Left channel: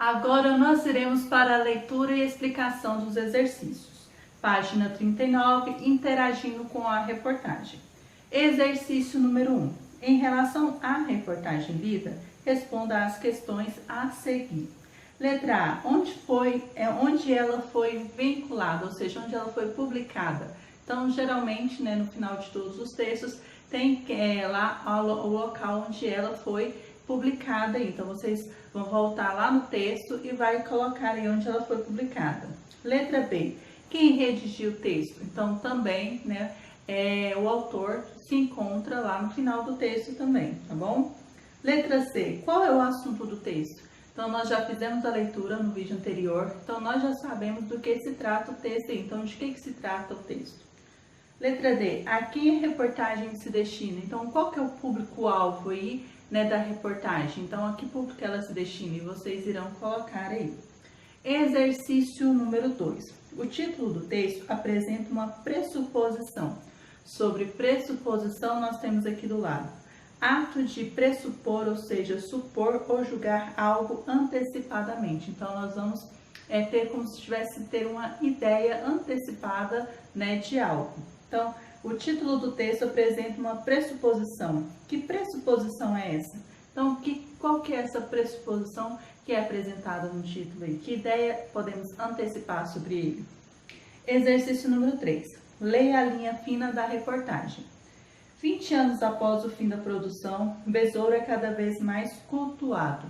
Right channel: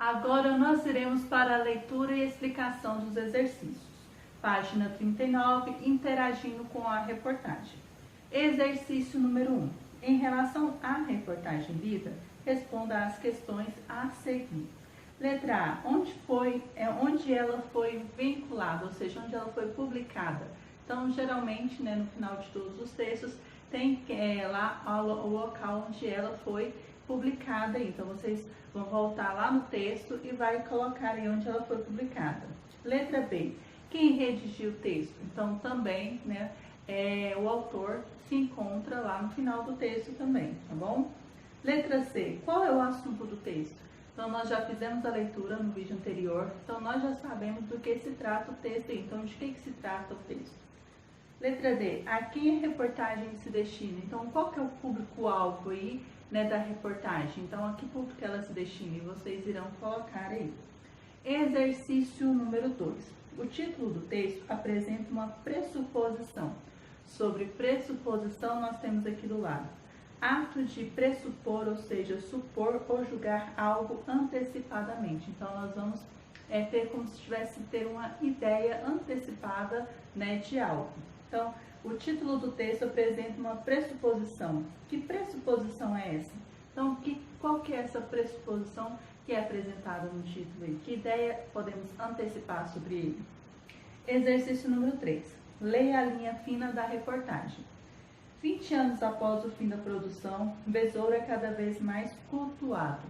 Agora nós iremos para a leitura e explicação dos exercícios. Página 39, interagindo com a reportagem. Exercício número 1. Em relação à reportagem lida, responda às questões a seguir. Letra A. Onde ela foi vinculada, ou seja, onde ela foi publicada. Então, geralmente, no final de todos os textos, tem lá o local onde ela foi publicada. Então, vocês vão voltar lá no texto e vai colocar aí onde ela foi publicada. Letra B. Quem redigiu o texto? Então, também, o autor se encontra lá no final do texto também, tá bom? Letra C. Qual é o assunto do texto? Então, nós já fizemos a leitura no vídeo anterior, então nós já sabemos do que se trata o texto aí. Então, de que se trata o texto? Letra D. A quem a reportagem se destina? Então, qual que é o público-alvo aí, da reportagem? Então, a que público ela se destina? E vocês irão colocar aí. Exercício número 2. O título do texto apresenta uma pressuposição. Sobre pressuposição, nós temos aqui do lado. Ato de pressupor, ou seja, supor ou julgar algo antecipadamente. Então, nós vamos ter como se tivesse ter uma ideia antecipada, de algo. Então, o título do texto apresenta uma pressuposição. Que pressuposição é essa? Então, qual que é essa pressuposição que é apresentada no título aí? Que ideia podemos antecipar sobre ele? Exercício número 3. Leia a linha fina da reportagem. 20 anos após o fim da produção, besouro é cada vez mais cultuado.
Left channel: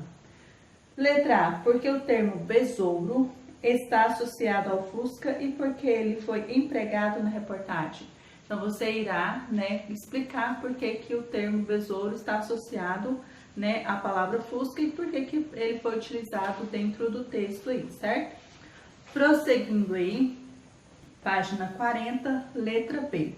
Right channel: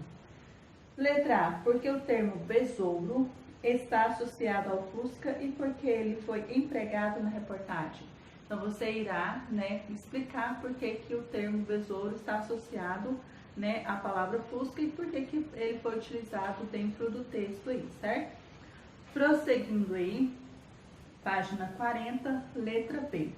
Letra A. Porque o termo besouro está associado ao Fusca e porque ele foi empregado na reportagem. Então, você irá explicar por que o termo besouro está associado à palavra Fusca e por que ele foi utilizado dentro do texto aí, certo? Prosseguindo aí, página 40, letra B.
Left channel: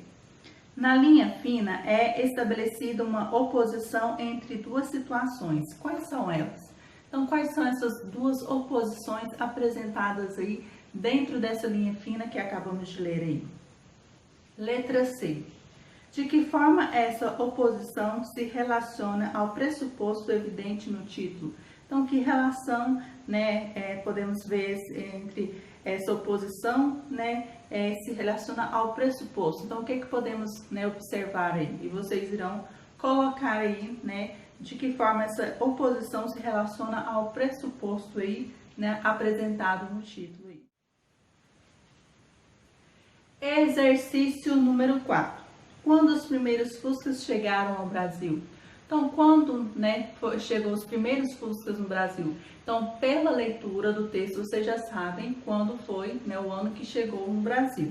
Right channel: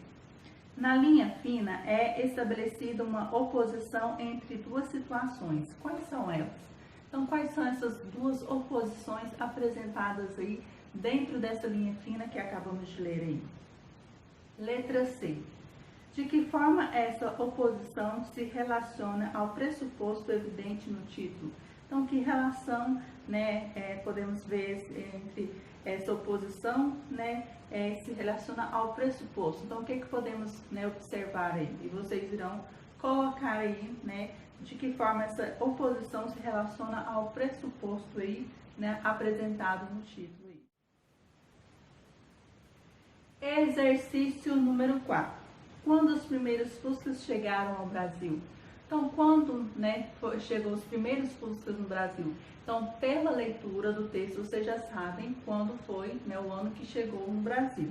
Na linha fina é estabelecida uma oposição entre duas situações. Quais são elas? Então, quais são essas duas oposições apresentadas aí dentro dessa linha fina que acabamos de ler aí? Letra C. De que forma essa oposição se relaciona ao pressuposto evidente no título? Então, que relação podemos ver entre essa oposição se relaciona ao pressuposto? Então, o que podemos observar aí? E vocês irão colocar aí, de que forma essa oposição se relaciona ao pressuposto aí, apresentado no título. Exercício número 4. Quando os primeiros Fuscas chegaram ao Brasil? Então, quando chegou os primeiros Fuscas no Brasil? Então, pela leitura do texto, vocês já sabem quando foi o ano que chegou no Brasil.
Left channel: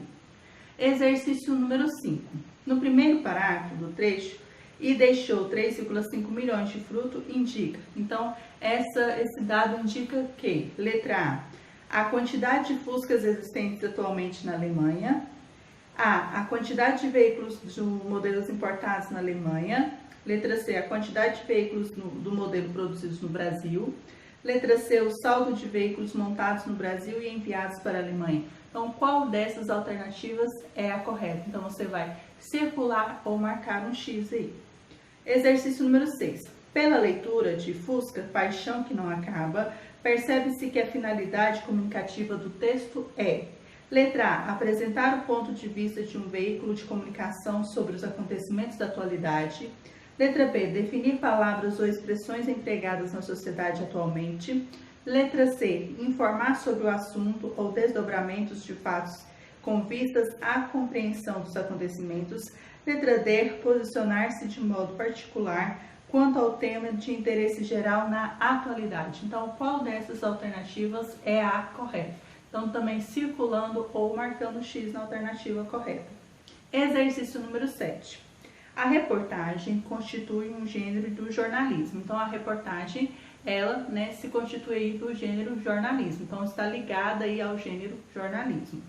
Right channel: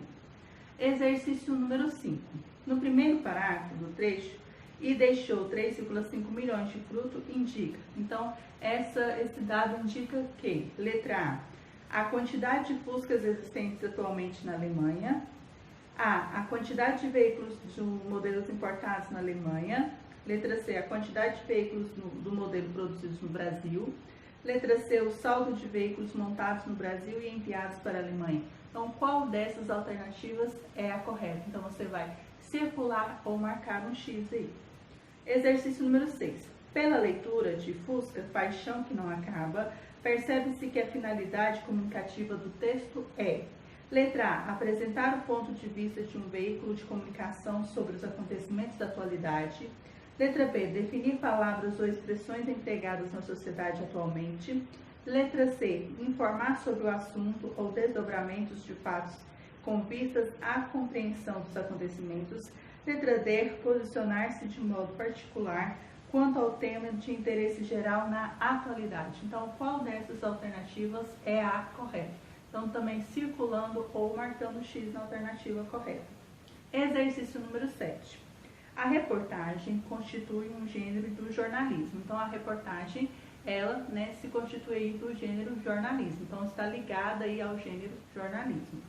Exercício número 5. No primeiro parágrafo do trecho, e deixou 3,5 milhões de fruto, indica. Então, esse dado indica que, letra A, a quantidade de Fuscas existentes atualmente na Alemanha. A quantidade de veículos de modelos importados na Alemanha. Letra C, a quantidade de veículos do modelo produzidos no Brasil. Letra C, o saldo de veículos montados no Brasil e enviados para a Alemanha. Então, qual dessas alternativas é a correta? Então, você vai circular ou marcar um X aí. Exercício número 6. Pela leitura de Fusca, Paixão que não acaba, percebe-se que a finalidade comunicativa do texto é: letra A, apresentar o ponto de vista de um veículo de comunicação sobre os acontecimentos da atualidade. Letra B, definir palavras ou expressões empregadas na sociedade atualmente. Letra C, informar sobre o assunto ou desdobramentos de fatos com vistas à compreensão dos acontecimentos. Letra D, posicionar-se de modo particular quanto ao tema de interesse geral na atualidade. Então, qual dessas alternativas é a correta? Então, também circulando ou marcando X na alternativa correta. Exercício número 7. A reportagem constitui um gênero do jornalismo. Então, a reportagem, ela se constitui do gênero jornalismo. Então, está ligada aí ao gênero jornalismo.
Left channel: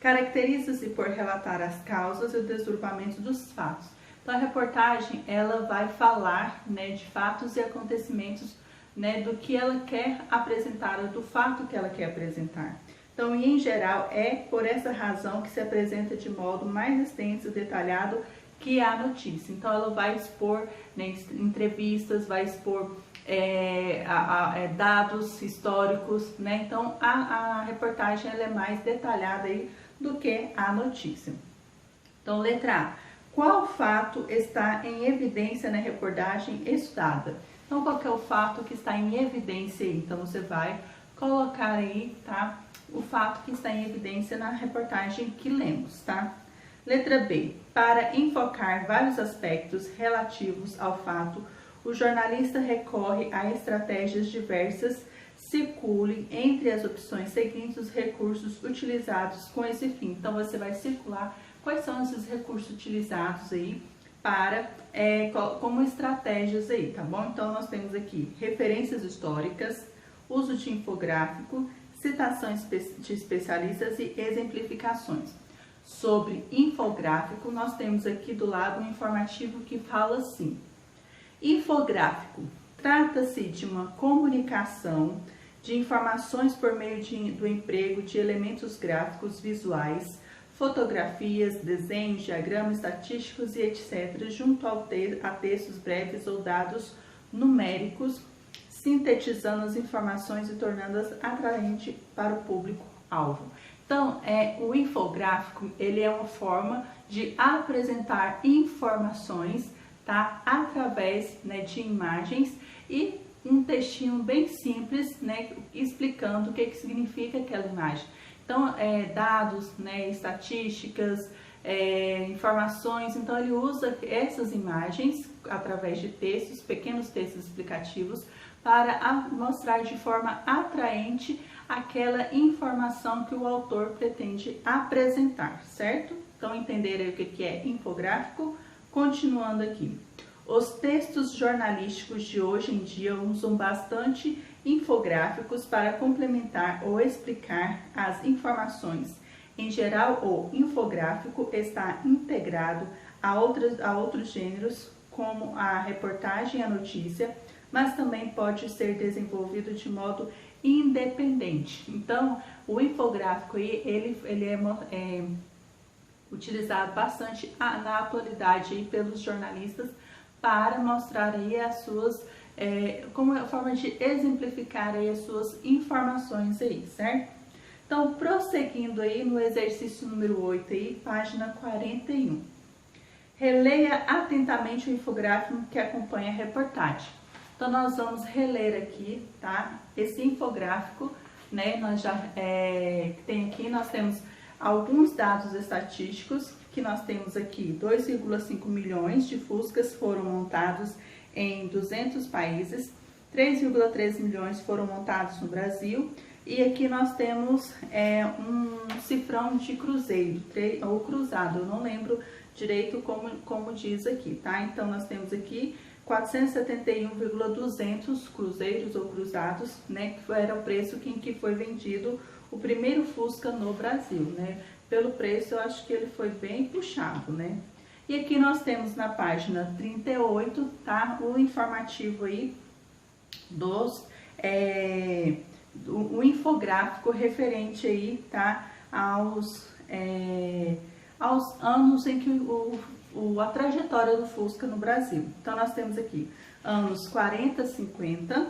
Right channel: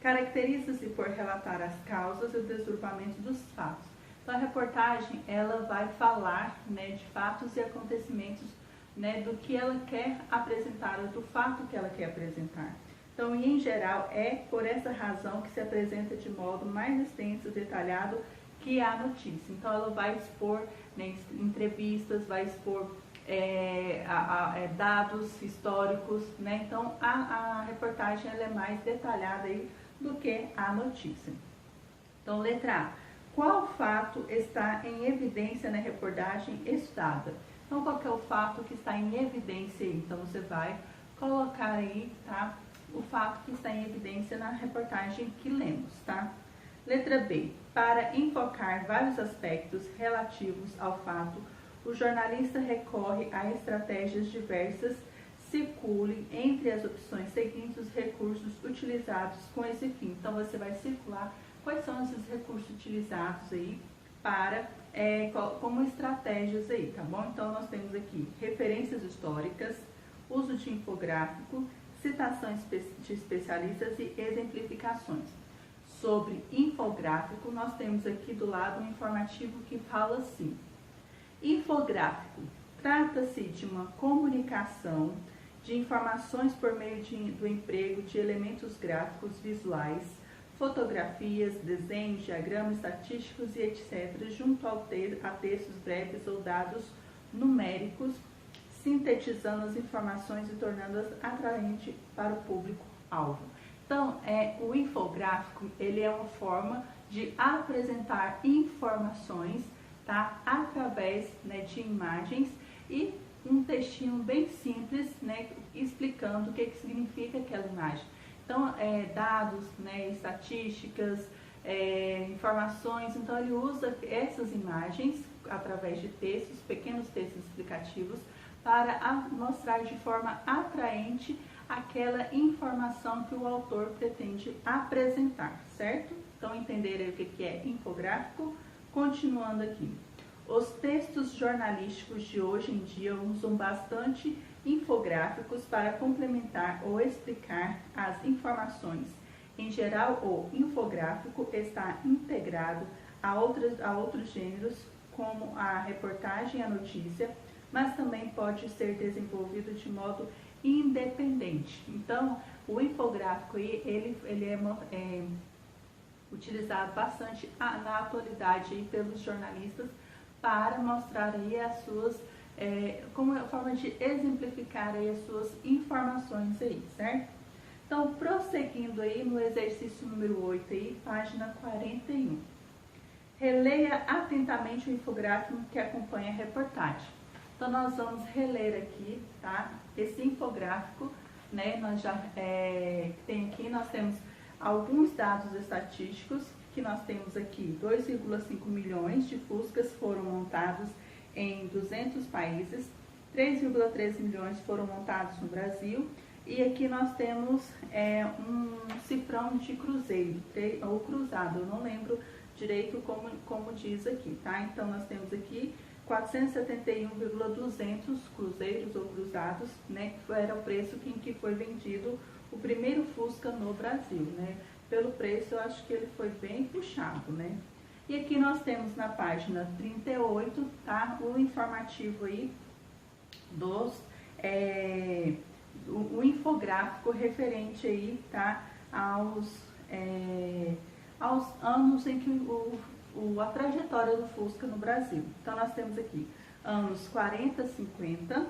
Caracteriza-se por relatar as causas e o desdobramento dos fatos. Então, a reportagem, ela vai falar de fatos e acontecimentos do que ela quer apresentar, do fato que ela quer apresentar. Então, e em geral, é por essa razão que se apresenta de modo mais extenso e detalhado que a notícia. Então, ela vai expor entrevistas, vai expor dados históricos, né? Então a reportagem ela é mais detalhada aí do que a notícia. Então, letra A. Qual fato está em evidência na reportagem estudada? Então, qual que é o fato que está em evidência aí? Então, você vai colocar aí, tá? O fato que está em evidência na reportagem que lemos, tá? Letra B. Para enfocar vários aspectos relativos ao fato, o jornalista recorre a estratégias diversas. Circule entre as opções seguintes os recursos utilizados com esse fim. Então, você vai circular quais são esses recursos utilizados aí para, como estratégias aí, tá bom? Então, nós temos aqui referências históricas, uso de infográfico, citações de especialistas e exemplificações. Sobre infográfico, nós temos aqui do lado um informativo que fala assim: infográfico, trata-se de uma comunicação de informações por meio do emprego de elementos gráficos visuais, fotografias, desenhos, diagramas estatísticos e etc., junto a textos breves ou dados numéricos, sintetizando as informações e tornando-as atraentes para o público-alvo. Então, o infográfico ele é uma forma de apresentar informações, tá, através, né, de imagens e um textinho bem simples, né, explicando o que significa aquela imagem. Então, dados, né, estatísticas, informações, então ele usa essas imagens através de textos, pequenos textos explicativos, para mostrar de forma atraente aquela informação que o autor pretende apresentar, certo? Então, entenderam o que é infográfico? Continuando aqui. Os textos jornalísticos de hoje em dia usam bastante infográficos para complementar ou explicar as informações. Em geral, o infográfico está integrado a outros gêneros, como a reportagem e a notícia, mas também pode ser desenvolvido de modo independente. Então, o infográfico aí, ele é utilizado bastante na atualidade aí pelos jornalistas para mostrar aí as suas, como uma forma de exemplificar aí as suas informações aí, certo? Então, prosseguindo aí no exercício número 8 aí, página 41. Releia atentamente o infográfico que acompanha a reportagem. Então, nós vamos reler aqui, tá? Esse infográfico, né? Nós já nós temos alguns dados estatísticos, que nós temos aqui 2,5 milhões de Fuscas foram montados em 200 países, 3,3 milhões foram montados no Brasil, e aqui nós temos um cifrão de cruzeiro, ou cruzado, eu não lembro direito como diz aqui, tá? Então, nós temos aqui 471,200 cruzeiros ou cruzados, né, que era o preço em que foi vendido o primeiro Fusca no Brasil, né? Pelo preço, eu acho que ele foi bem puxado, né? E aqui nós temos na página 38, tá? O informativo aí o infográfico referente aí, tá? Aos anos em que a trajetória do Fusca no Brasil. Então, nós temos aqui anos 40, 50,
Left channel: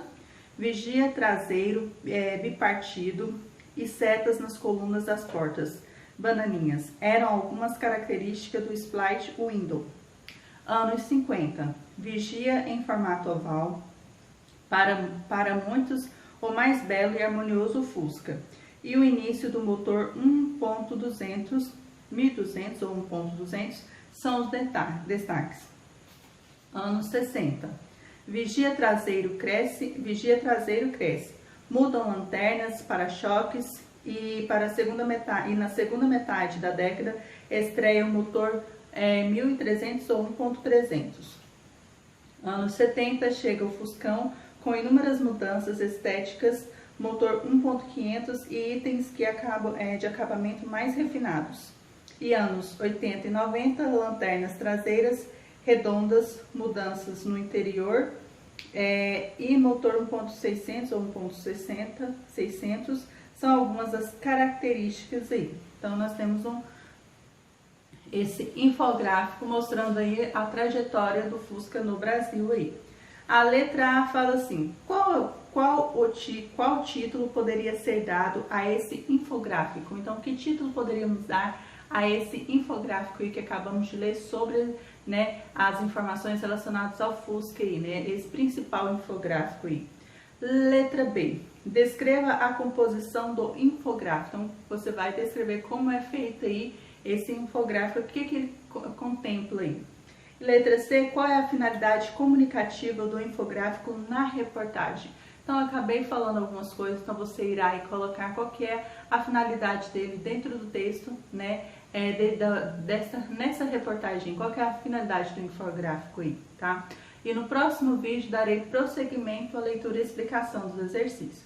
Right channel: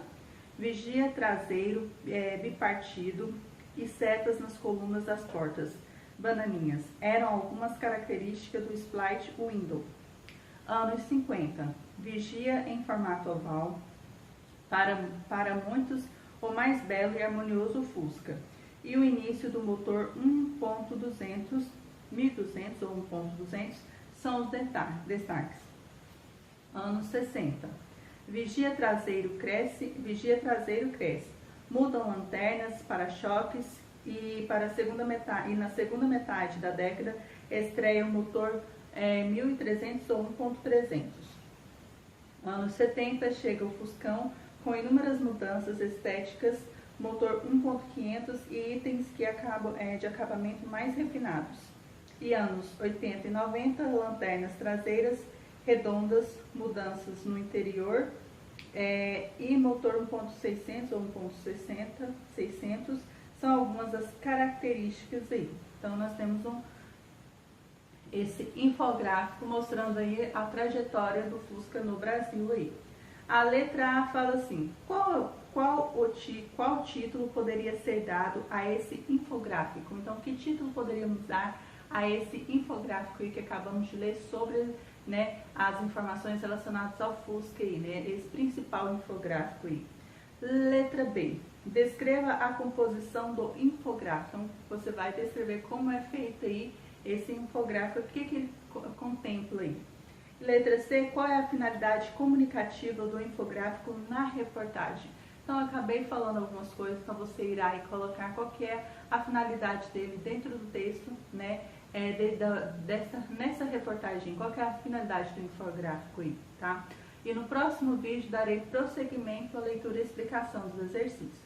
vigia traseiro bipartido e setas nas colunas das portas, bananinhas. Eram algumas características do Split Window. Anos 50, vigia em formato oval, para muitos o mais belo e harmonioso Fusca. E o início do motor 1.200, 1200 ou 1.200, são os destaques. Anos 60. Vigia traseiro cresce. Mudam lanternas, para-choques e na segunda metade da década estreia o motor 1300 ou 1.300. Anos 70 chega o Fuscão com inúmeras mudanças estéticas, motor 1.500 e itens de acabamento mais refinados. E anos 80 e 90, lanternas traseiras redondas, mudanças no interior e motor 1.600 ou 1.600 são algumas das características aí. Então, nós temos esse infográfico mostrando aí a trajetória do Fusca no Brasil aí. A letra A fala assim, qual título poderia ser dado a esse infográfico? Então, que título poderíamos dar a esse infográfico aí que acabamos de ler sobre, né, as informações relacionadas ao Fusca aí, né, esse principal infográfico aí. Letra B, descreva a composição do infográfico. Então, você vai descrever como é feito aí esse infográfico, o que ele contempla aí. Letra C, qual é a finalidade comunicativa do infográfico na reportagem? Então, eu acabei falando algumas coisas, então você irá aí colocar qual que é a finalidade dele dentro do texto, né, nessa reportagem, qual que é a finalidade do infográfico aí, tá? E no próximo vídeo darei prosseguimento à leitura e explicação dos exercícios.